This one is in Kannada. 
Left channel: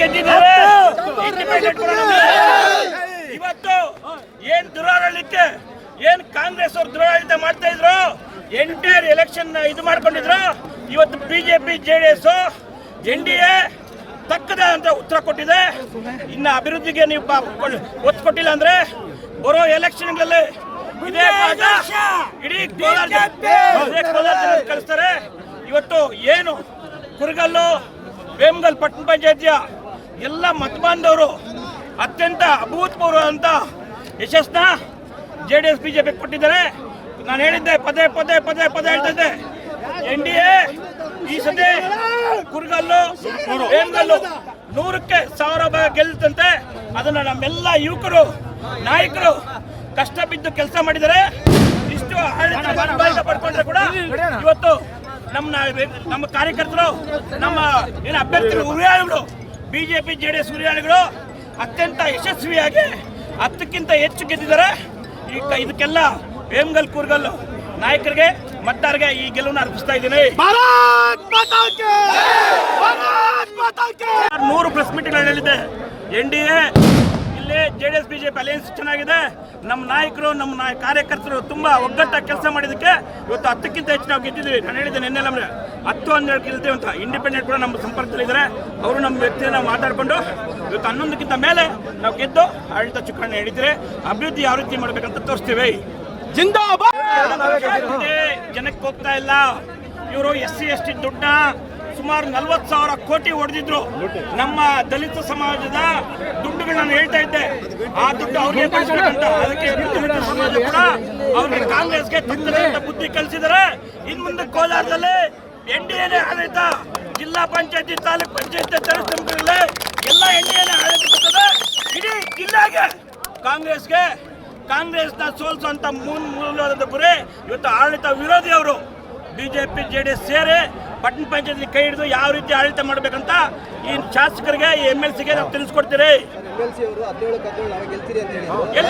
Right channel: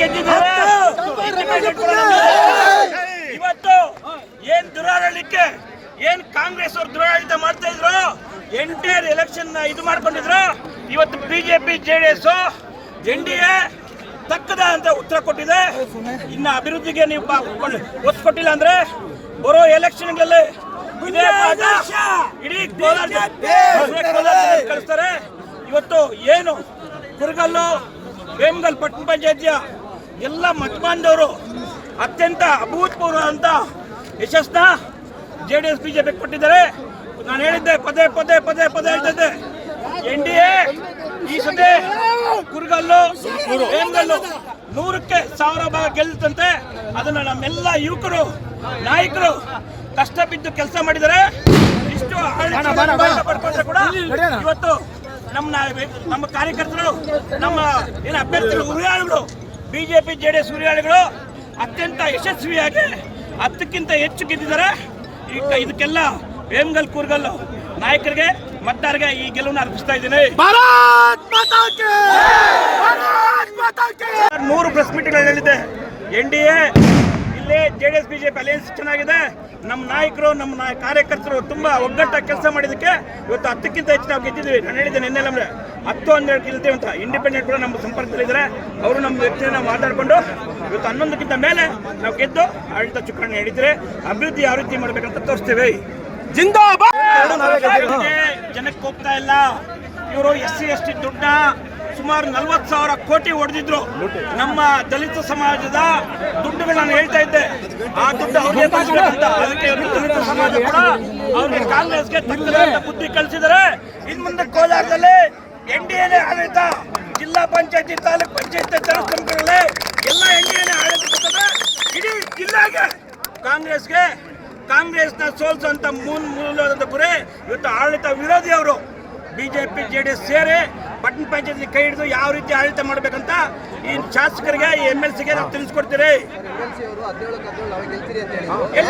ಗೆದ್ದಿದ್ದಾರೆ. ಇವತ್ತು ಏನ್ ದುರಾಡಳಿಕೆ, ಏನ್ ಕಾಂಗ್ರೆಸ್ ಅವರು ದುರಾಡಳಿತ ಮಾಡ್ತಾ ಇದ್ರು, ಎಂಟೈರ್ ಎಲೆಕ್ಷನ್ ಇದು ಮಾಡ್ಕೊಂಡಿದ್ರು. ಇವತ್ತು ಬಿಜೆಪಿ ಜೆಡಿಎಸ್ NDA ತಕ್ಕದ ಅಂತ ಉತ್ತರ ಕೊಟ್ಟಿದೆ. ಇನ್ನ ಅಭಿವೃದ್ಧಿಗೆ ನೀವು ಒತ್ತು ಕೊಟ್ಟಿಲ್ಲ ಅಂದ್ರೆ ಬರೋ ಎಲೆಕ್ಷನ್ಗಳಲ್ಲಿ ಇದೇ ಪಾಠ ಇಡೀ ಕೋಲಾರ ಕಳಿಸ್ತಾರೆ. ಇವತ್ತು ಏನು ಕುರುಗಲ್ಲು ವೇಮಗಲ್ ಪಟ್ಟಣ ಪಂಚಾಯತಿಯ ಎಲ್ಲ ಮತಬಾಂಧವರು ಅತ್ಯಂತ ಅಭೂತಪೂರ್ವ ಅಂತ ಯಶಸ್ನ ಜೆಡಿಎಸ್ ಬಿಜೆಪಿ ಕೊಟ್ಟಿದ್ದಾರೆ. ನಾನು ಹೇಳಿದ್ದೆ, ಪದೇ ಪದೇ ಪದೇ ಪದೇ ಹೇಳ್ತಿದ್ದೆ, NDA ಈ ಸತಿ ಕುರುಗಲ್ಲು ವೇಮಗಲ್ಲು 100ಕ್ಕೆ 1000 ಭಾಗ ಗೆಲ್ಲುತ್ತಂತೆ. ಅದನ್ನ ನಮ್ಮೆಲ್ಲ ಯುವಕರು ನಾಯಕರು ಕಷ್ಟ ಬಿದ್ದು ಕೆಲಸ ಮಾಡಿದ್ದಾರೆ. ಇಷ್ಟು ಆಡಳಿತ ಪಡ್ಕೊಂಡ್ರೆ ಕೂಡ ಇವತ್ತು ನಮ್ಮ ಕಾರ್ಯಕರ್ತರು, ನಮ್ಮ ಏನು ಅಭ್ಯರ್ಥಿಗಳು, ಹುರಿಯಾಳಿಗಳು, ಬಿಜೆಪಿ ಜೆಡಿಎಸ್ ಹುರಿಯಾಳಿಗಳು ಅತ್ಯಂತ ಯಶಸ್ವಿಯಾಗಿ 10ಕ್ಕಿಂತ ಹೆಚ್ಚು ಗೆದ್ದಿದ್ದಾರೆ. ಇದಕ್ಕೆಲ್ಲ ವೇಮಗಲ್ ಕುರುಗಲ್ಲು ನಾಯಕರಿಗೆ ಮತದಾರರಿಗೆ ಈ ಗೆಲುವನ್ನು ಅರ್ಪಿಸ್ತಾ ಇದ್ದೀನಿ. 100 ಪ್ರೆಸ್ ಮೀಟ್ಗಳು ಹೇಳಿದೆ. NDA ಇಲ್ಲಿ ಜೆಡಿಎಸ್ ಬಿಜೆಪಿ ಅಲಯನ್ಸ್ ಚೆನ್ನಾಗಿದೆ. ನಮ್ಮ ನಾಯಕರು, ನಮ್ಮ ಕಾರ್ಯಕರ್ತರು ತುಂಬಾ ಒಗ್ಗಟ್ಟಾಗಿ ಕೆಲಸ ಮಾಡಿದಕ್ಕೆ ಇವತ್ತು 10ಕ್ಕಿಂತ ಹೆಚ್ಚು ನಾವು ಗೆದ್ದಿದ್ದೀವಿ. ನಾನು ಹೇಳಿದ್ದೆ ನಿನ್ನೆ 10-12 ಗೆಲ್ತೀವಿ ಅಂತ. ಇಂಡಿಪೆಂಡೆಂಟ್ ಕೂಡ ನಮ್ಮ ಸಂಪರ್ಕದಲ್ಲಿದ್ದಾರೆ. ಅವರು ನಮ್ಮ ವ್ಯಕ್ತಿನ ನಾವು ಮಾತಾಡಿಕೊಂಡು ಇವತ್ತು 11ಕ್ಕಿಂತ ಮೇಲೆ ನಾವು ಗೆದ್ದು ಆಡಳಿತ ಚುಕ್ಕಾಣಿ ಹಿಡಿದ್ರೆ ಅಭಿವೃದ್ಧಿ ಯಾವ ರೀತಿ ಮಾಡ್ಬೇಕಂತ ತೋರಿಸ್ತೀವಿ. ಜಿಂದಾಬಾದ್. ಜನಕ್ಕೆ ಹೋಗ್ತಾ ಇಲ್ಲ. ಇವರು SC ST ದುಡ್ಡ ಸುಮಾರು 40,000 ಕೋಟಿ ಹೊಡೆದಿದ್ರು. ನಮ್ಮ ದಲಿತ ಸಮಾಜದ ದುಡ್ಡುಗಳು ನಾನು ಹೇಳ್ತಾ ಇದ್ದೆ, ಆ ದುಡ್ಡು ಅವ್ರಿಗೆ ಬಳಸಬೇಕಂತ. ಅದಕ್ಕೆ ದಲಿತ ಸಮಾಜ ಕೂಡ ಅವ್ರಿಗೆ ಕಾಂಗ್ರೆಸ್ಗೆ ತಕ್ಕದಂತ ಬುದ್ಧಿ ಕಲಿಸಿದರೆ. ಇನ್ ಮುಂದೆ ಕೋಲಾರದಲ್ಲಿ NDAನೇ ಆಡಳಿತ. ಜಿಲ್ಲಾ ಪಂಚಾಯತಿ, ತಾಲೂಕ್ ಪಂಚಾಯತಿ, ಜನಸಂಖ್ಯೆಗಳೇ ಎಲ್ಲ NDAನೇ ಆಡಳಿತ ಬರ್ತದೆ. ಇಡೀ ಜಿಲ್ಲೆಗೆ ಕಾಂಗ್ರೆಸ್ನ ಸೋಲ್ಸುವಂತ ಮೂಲವಾದ ಗುರಿ ಇವತ್ತು ಆಡಳಿತ ವಿರೋಧಿ ಅವರು ಬಿಜೆಪಿ ಜೆಡಿಎಸ್ ಸೇರಿ ಪಟ್ಟಣ ಪಂಚಾಯತ್ ಕೈ ಹಿಡಿದು ಯಾವ ರೀತಿ ಆಡಳಿತ ಮಾಡಬೇಕಂತ ಈ ಶಾಸಕರಿಗೆ, MLCಗೆ ನಾವು ತಿಳಿಸ್ಕೊಡ್ತೀರಿ.